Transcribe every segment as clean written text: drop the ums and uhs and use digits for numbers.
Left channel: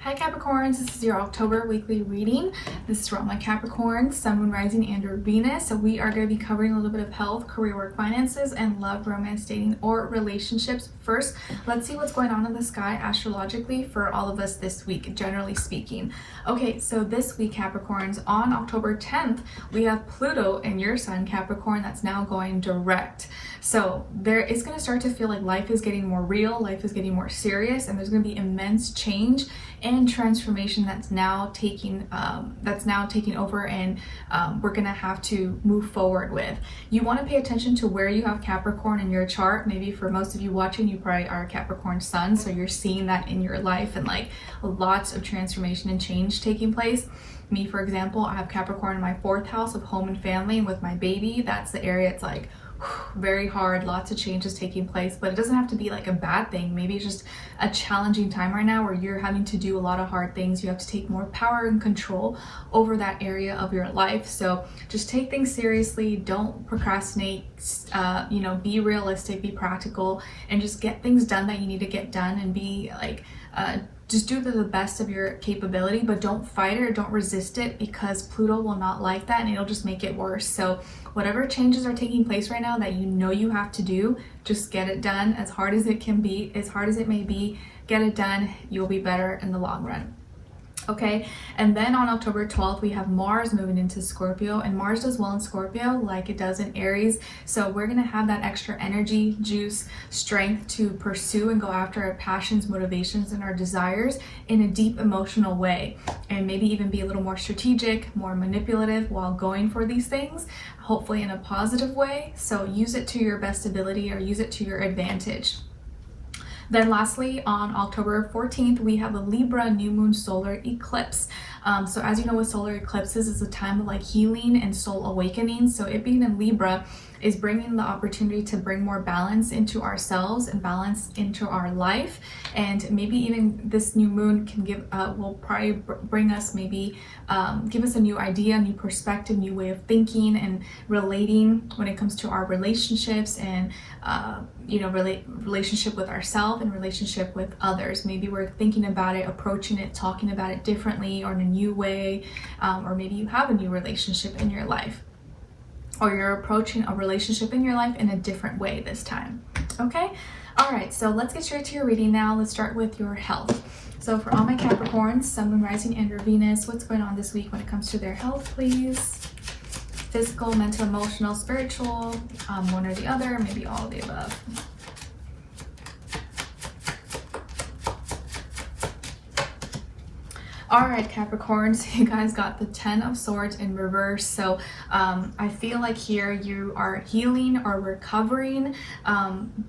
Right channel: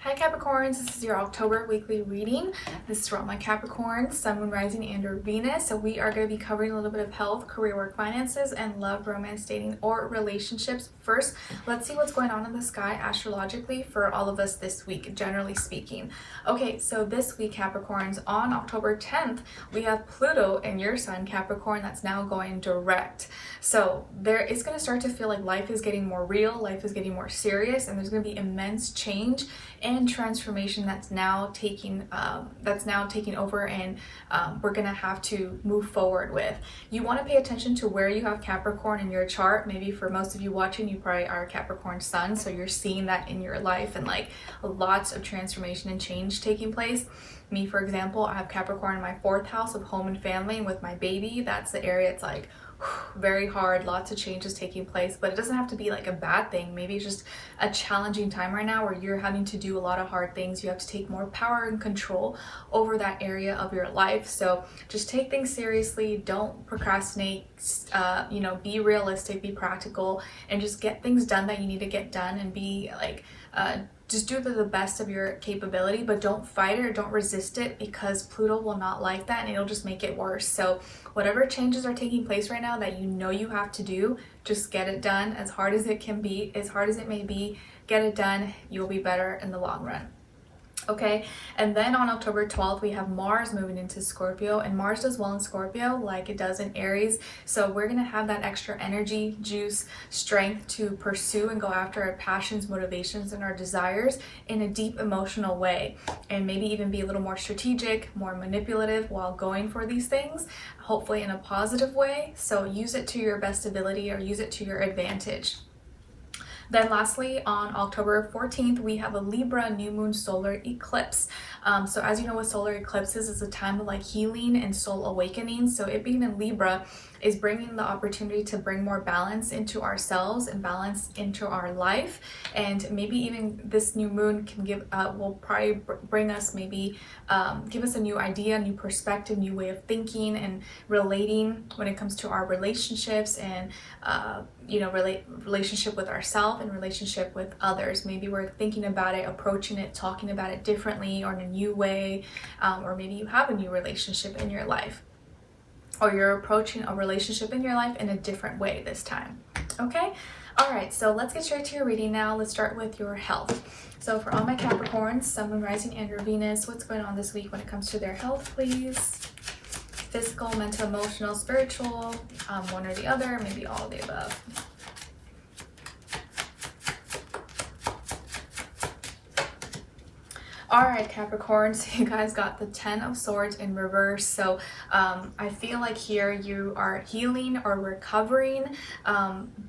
Hi Capricorns, this is your October weekly reading. This is for all my Capricorns, Sun, Moon, Rising, and or Venus. So we are going to be covering a little bit of health, career, work, finances, and love, romance, dating, or relationships. First, let's see what's going on in the sky astrologically for all of us this week, generally speaking. Okay, so this week, Capricorns, on October 10th, we have Pluto in your sign, Capricorn, that's now going direct. So it's going to start to feel like life is getting more real, life is getting more serious, and there's going to be immense change and transformation that's now taking over, and we're gonna have to move forward with. You want to pay attention to where you have Capricorn in your chart. Maybe for most of you watching, you probably are a Capricorn sun, so you're seeing that in your life and like lots of transformation and change taking place. Me, for example, I have Capricorn in my 4th house of home and family, and with my baby, that's the area it's like very hard, lots of changes taking place, but it doesn't have to be like a bad thing. Maybe it's just a challenging time right now where you're having to do a lot of hard things. You have to take more power and control over that area of your life. So just take things seriously, don't procrastinate, be realistic, be practical, and just get things done that you need to get done, and be like just do the best of your capability, but don't fight it or don't resist it, because Pluto will not like that and it'll just make it worse. So whatever changes are taking place right now that you know you have to do, just get it done as hard as it can be, as hard as it may be. Get it done. You'll be better in the long run. Okay, and then on October 12th, we have Mars moving into Scorpio, and Mars does well in Scorpio like it does in Aries. So we're going to have that extra energy, juice, strength to pursue and go after our passions, motivations, and our desires in a deep emotional way, and maybe even be a little more strategic, more manipulative while going for these things, hopefully in a positive way. So use it to your best ability, or use it to your advantage. Then lastly, on October 14th, we have a Libra new moon solar eclipse. So as you know, with solar eclipses, it's a time of like healing and soul awakening. So it being in Libra is bringing the opportunity to bring more balance into ourselves and balance into our life. And maybe even this new moon can will probably bring us give us a new idea, new perspective, new way of thinking and relating when it comes to our relationships and relationship with ourselves and relationship with others. Maybe we're thinking about it, approaching it, talking about it differently or in a new way, or maybe you have a new relationship in your life, or you're approaching a relationship in your life in a different way this time. Okay, all right, so let's get straight to your reading now. Let's start with your health. So for all my Capricorns, Sun, Moon, Rising, and your Venus, what's going on this week when it comes to their health, please? Physical, mental, emotional, spiritual, one or the other, maybe all of the above. All right, Capricorns, you guys got the 10 of Swords in reverse. So I feel like here you are healing or recovering,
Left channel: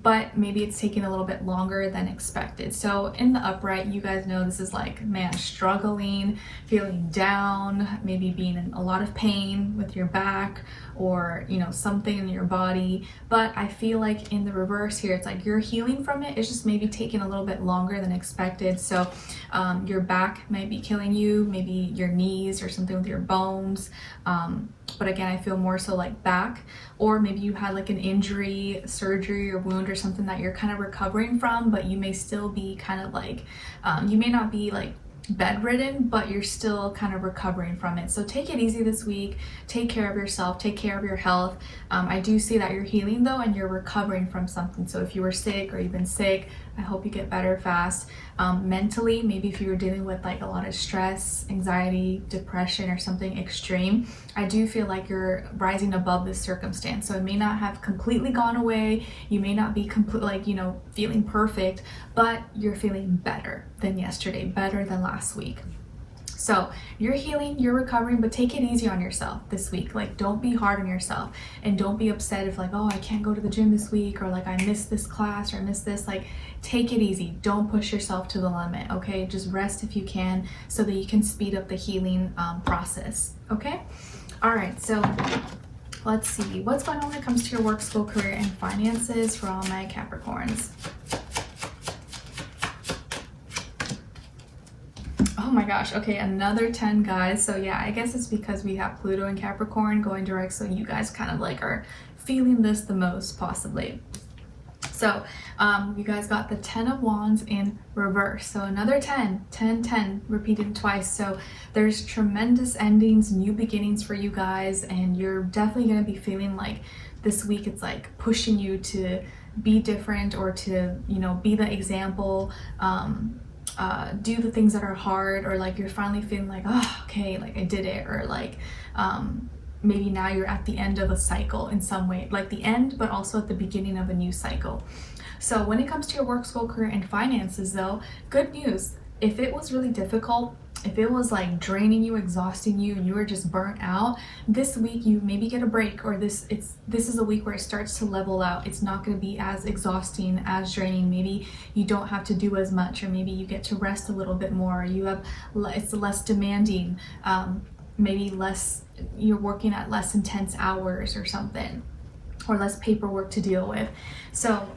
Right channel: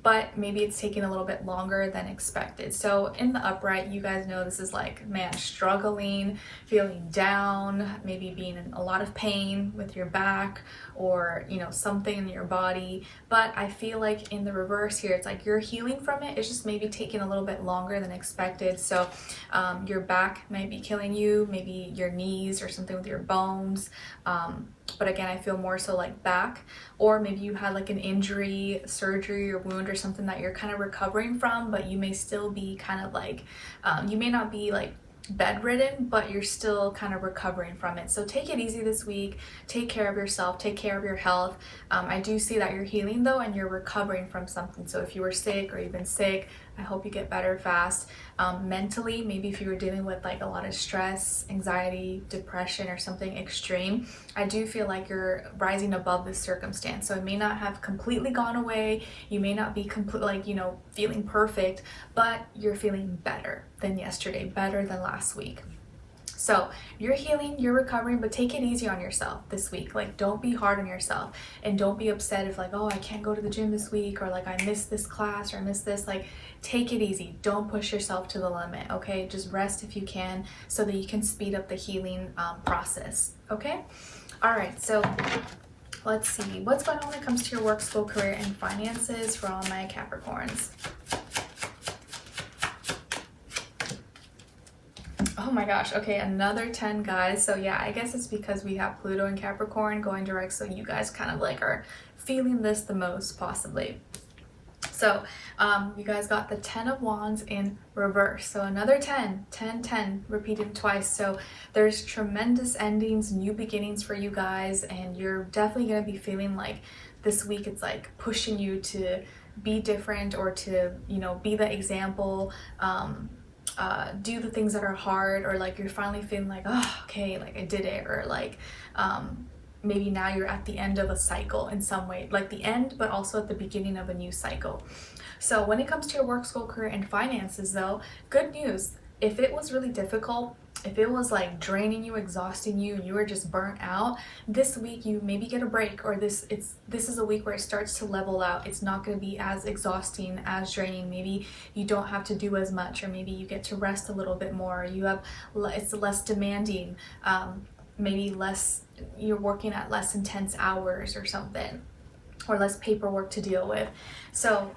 but maybe it's taking a little bit longer than expected. So in the upright, you guys know this is like, man, struggling, feeling down, maybe being in a lot of pain with your back or, something in your body. But I feel like in the reverse here, it's like you're healing from it. It's just maybe taking a little bit longer than expected. So your back might be killing you, maybe your knees or something with your bones. But again, I feel more so like back, or maybe you had like an injury, surgery, or wound or something that you're kind of recovering from, but you may still be kind of like, you may not be like bedridden, but you're still kind of recovering from it. So take it easy this week, take care of yourself, take care of your health. I do see that you're healing though, and you're recovering from something. So if you were sick or you've been sick, I hope you get better fast. Mentally, maybe if you were dealing with like a lot of stress, anxiety, depression, or something extreme, I do feel like you're rising above this circumstance. So it may not have completely gone away. You may not be feeling perfect, but you're feeling better than yesterday, better than last week. So you're healing, you're recovering, but take it easy on yourself this week. Like, don't be hard on yourself, and don't be upset if like, oh, I can't go to the gym this week, or like I missed this class, or I missed this. Like, take it easy. Don't push yourself to the limit. Okay, just rest if you can, so that you can speed up the healing process. Okay, all right. So let's see what's going on when it comes to your work, school, career, and finances for all my Capricorns. Oh my gosh, okay, another 10, guys. So yeah, I guess it's because we have Pluto and Capricorn going direct, so you guys kind of like are feeling this the most, possibly. So you guys got the 10 of Wands in reverse. So another 10, 10, 10 repeated twice. So there's tremendous endings, new beginnings for you guys, and you're definitely going to be feeling like this week it's like pushing you to be different or to, you know, be the example, do the things that are hard, or like you're finally feeling like, oh, okay, like I did it, or like maybe now you're at the end of a cycle in some way, like the end, but also at the beginning of a new cycle. So when it comes to your work, school, career, and finances though, good news. If it was really difficult, if it was like draining you, exhausting you, and you were just burnt out, this week you maybe get a break, or this is a week where it starts to level out. It's not going to be as exhausting, as draining. Maybe you don't have to do as much, or maybe you get to rest a little bit more. It's less demanding. Maybe you're working at less intense hours or something, or less paperwork to deal with. So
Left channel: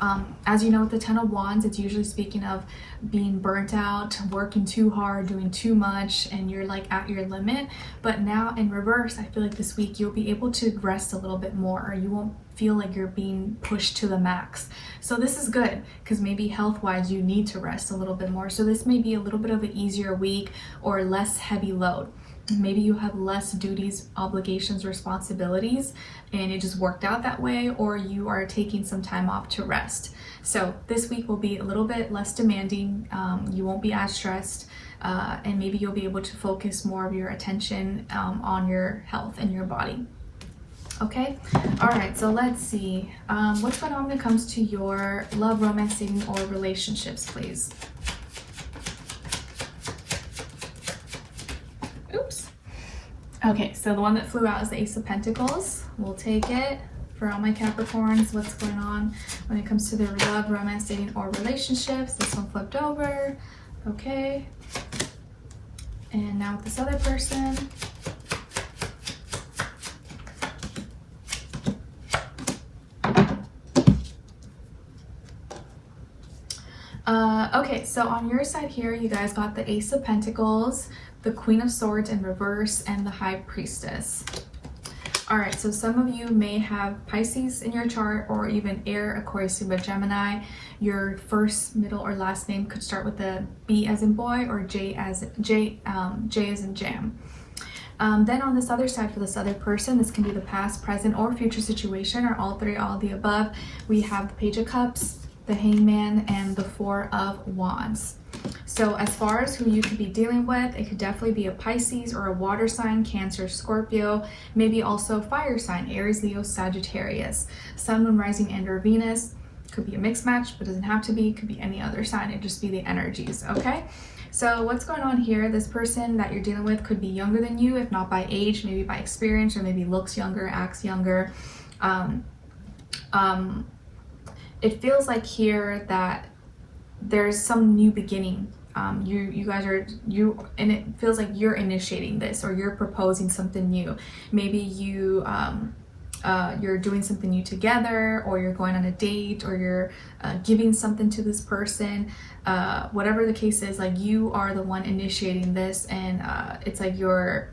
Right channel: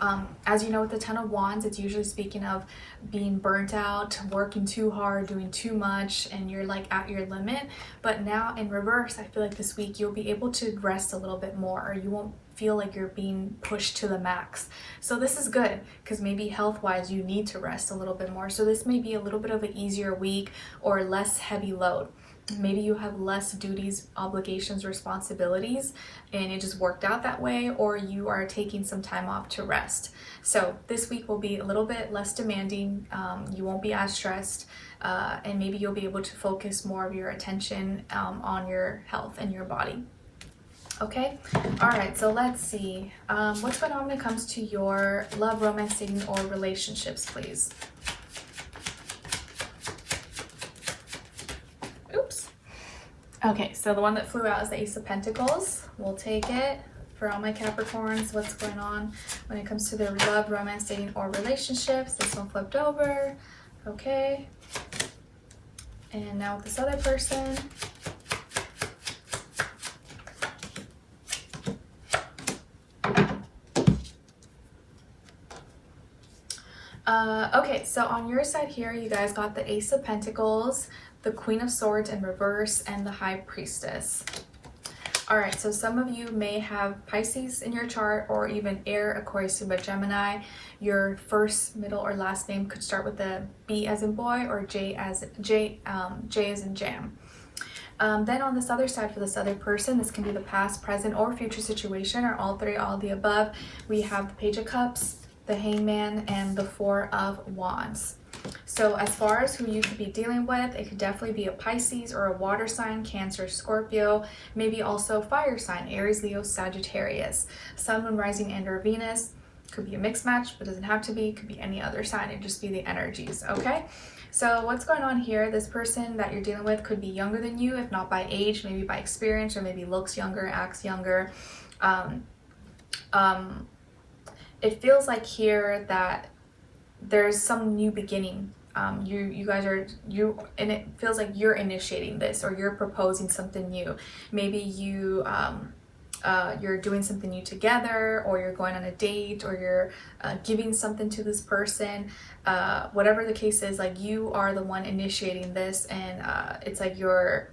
as you know, with the 10 of Wands, it's usually speaking of being burnt out, working too hard, doing too much, and you're like at your limit. But now in reverse, I feel like this week you'll be able to rest a little bit more, or you won't feel like you're being pushed to the max. So this is good, because maybe health-wise you need to rest a little bit more. So this may be a little bit of an easier week, or less heavy load. Maybe you have less duties, obligations, responsibilities, and it just worked out that way, or you are taking some time off to rest. So this week will be a little bit less demanding. You won't be as stressed, and maybe you'll be able to focus more of your attention on your health and your body. Okay, all right, so let's see. What's going on when it comes to your love, romance, dating, or relationships, please? Oops. Okay, so the one that flew out is the Ace of Pentacles. We'll take it for all my Capricorns. What's going on when it comes to their love, romance, dating, or relationships? This one flipped over. Okay. And now with this other person. Okay, so on your side here, you guys got the Ace of Pentacles, the Queen of Swords in reverse, and the High Priestess. All right, so some of you may have Pisces in your chart, or even Air, Aquarius, Libra, Gemini. Your first, middle, or last name could start with a B as in boy, or J as in jam. Then on this other side, for this other person, this can be the past, present, or future situation, or all three, all of the above. We have the Page of Cups, the Hangman, and the Four of Wands. So as far as who you could be dealing with, it could definitely be a Pisces or a water sign, Cancer, Scorpio, maybe also fire sign, Aries, Leo, Sagittarius, Sun, Moon, Rising, and or Venus. Could be a mixed match, but doesn't have to be. Could be any other sign. It'd just be the energies, okay? So what's going on here? This person that you're dealing with could be younger than you, if not by age, maybe by experience, or maybe looks younger, acts younger. It feels like here that there's some new beginning. You guys are, and it feels like you're initiating this, or you're proposing something new. Maybe you're doing something new together, or you're going on a date, or you're giving something to this person. Whatever the case is, like you are the one initiating this, and it's like you're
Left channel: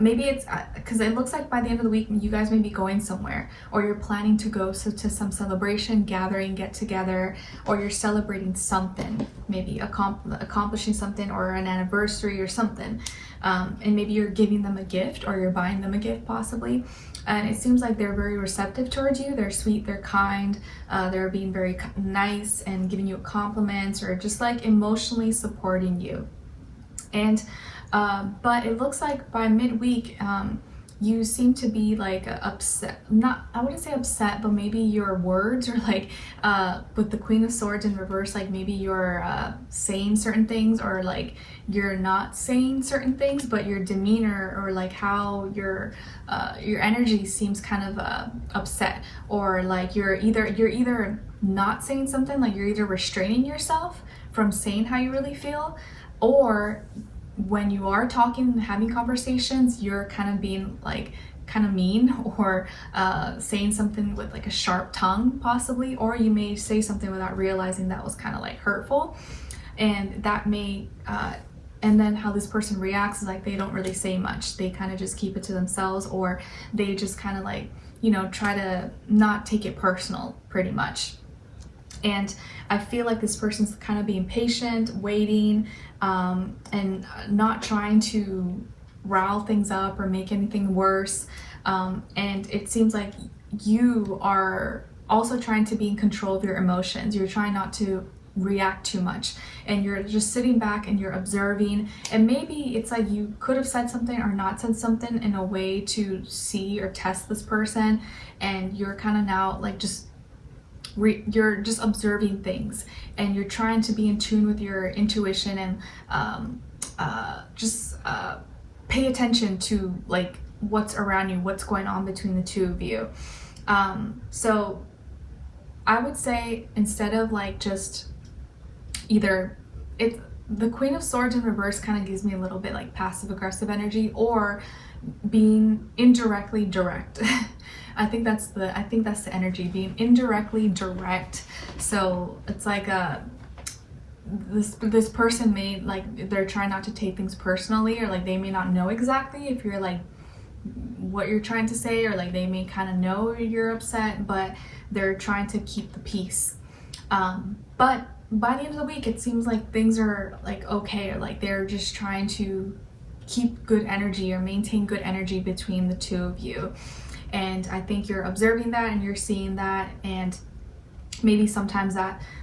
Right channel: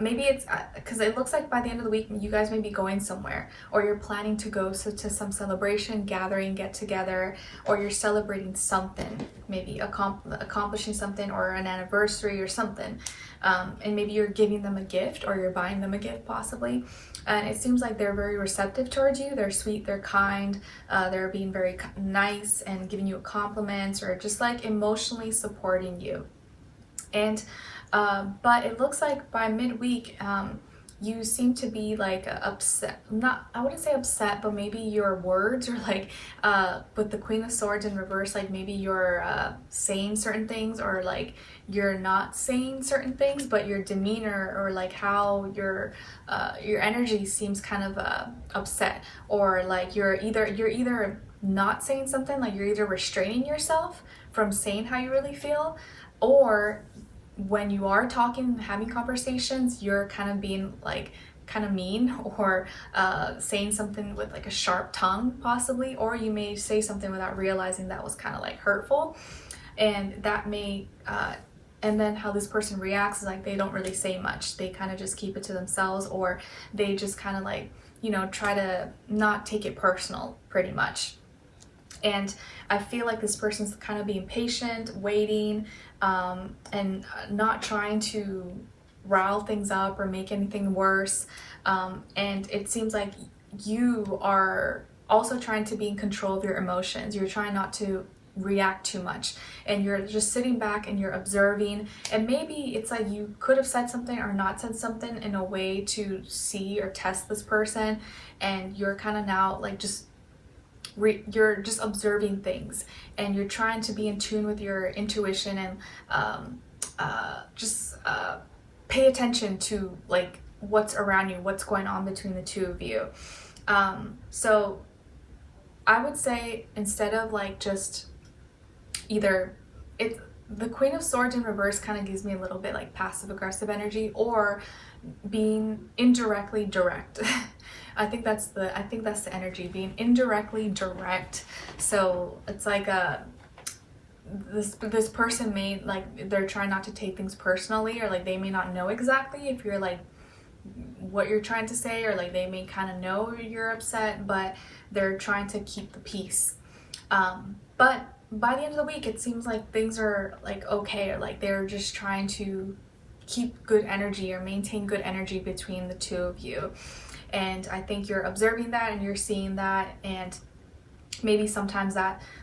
maybe it's because it looks like by the end of the week you guys may be going somewhere, or you're planning to go to some celebration, gathering, get together, or you're celebrating something, maybe accomplishing something, or an anniversary or something, and maybe you're giving them a gift, or you're buying them a gift possibly. And it seems like they're very receptive towards you. They're sweet, they're kind, they're being very nice and giving you compliments, or just like emotionally supporting you. And but it looks like by midweek, you seem to be like upset. I wouldn't say upset, but maybe your words are like, with the Queen of Swords in reverse, like maybe you're saying certain things, or like you're not saying certain things, but your demeanor, or like how your energy seems kind of upset, or like you're either not saying something, like you're either restraining yourself from saying how you really feel, or when you are talking and having conversations, you're kind of being like kind of mean, or saying something with like a sharp tongue possibly, or you may say something without realizing that was kind of like hurtful, and that may and then how this person reacts is like they don't really say much. They kind of just keep it to themselves, or they just kind of like, you know, try to not take it personal pretty much. And I feel like this person's kind of being patient, waiting, and not trying to rile things up or make anything worse. And it seems like you are also trying to be in control of your emotions. You're trying not to react too much, and you're just sitting back and you're observing, and maybe it's like you could have said something or not said something in a way to see or test this person, and you're kind of now like you're just observing things, and you're trying to be in tune with your intuition, and just pay attention to like what's around you, what's going on between the two of you. So I would say, instead of like just either the Queen of Swords in reverse kind of gives me a little bit like passive aggressive energy, or being indirectly direct. I think that's the energy, being indirectly direct. So it's like this person may, like, they're trying not to take things personally, or like they may not know exactly if you're like what you're trying to say, or like they may kind of know you're upset, but they're trying to keep the peace. But by the end of the week, it seems like things are like okay, or like they're just trying to keep good energy or maintain good energy between the two of you. And I think you're observing that and you're seeing that, and maybe sometimes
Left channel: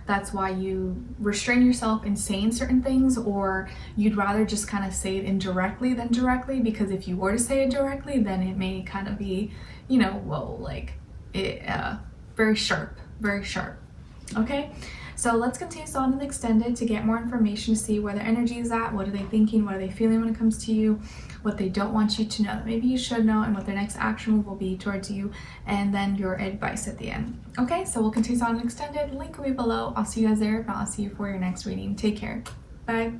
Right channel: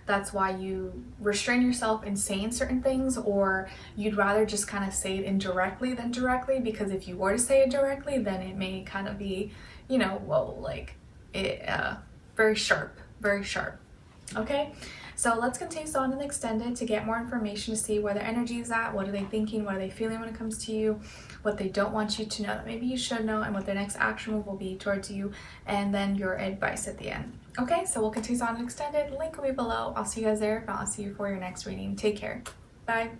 that's why you restrain yourself in saying certain things, or you'd rather just kind of say it indirectly than directly, because if you were to say it directly, then it may kind of be, you know, whoa, like it very sharp. Okay, so let's continue on in the extended to get more information, to see where their energy is at, what are they thinking, what are they feeling when it comes to you, what they don't want you to know that maybe you should know, and what their next action move will be towards you, and then your advice at the end. Okay, so we'll continue on in extended. Link will be below. I'll see you guys there. If not, I'll see you for your next reading. Take care. Bye.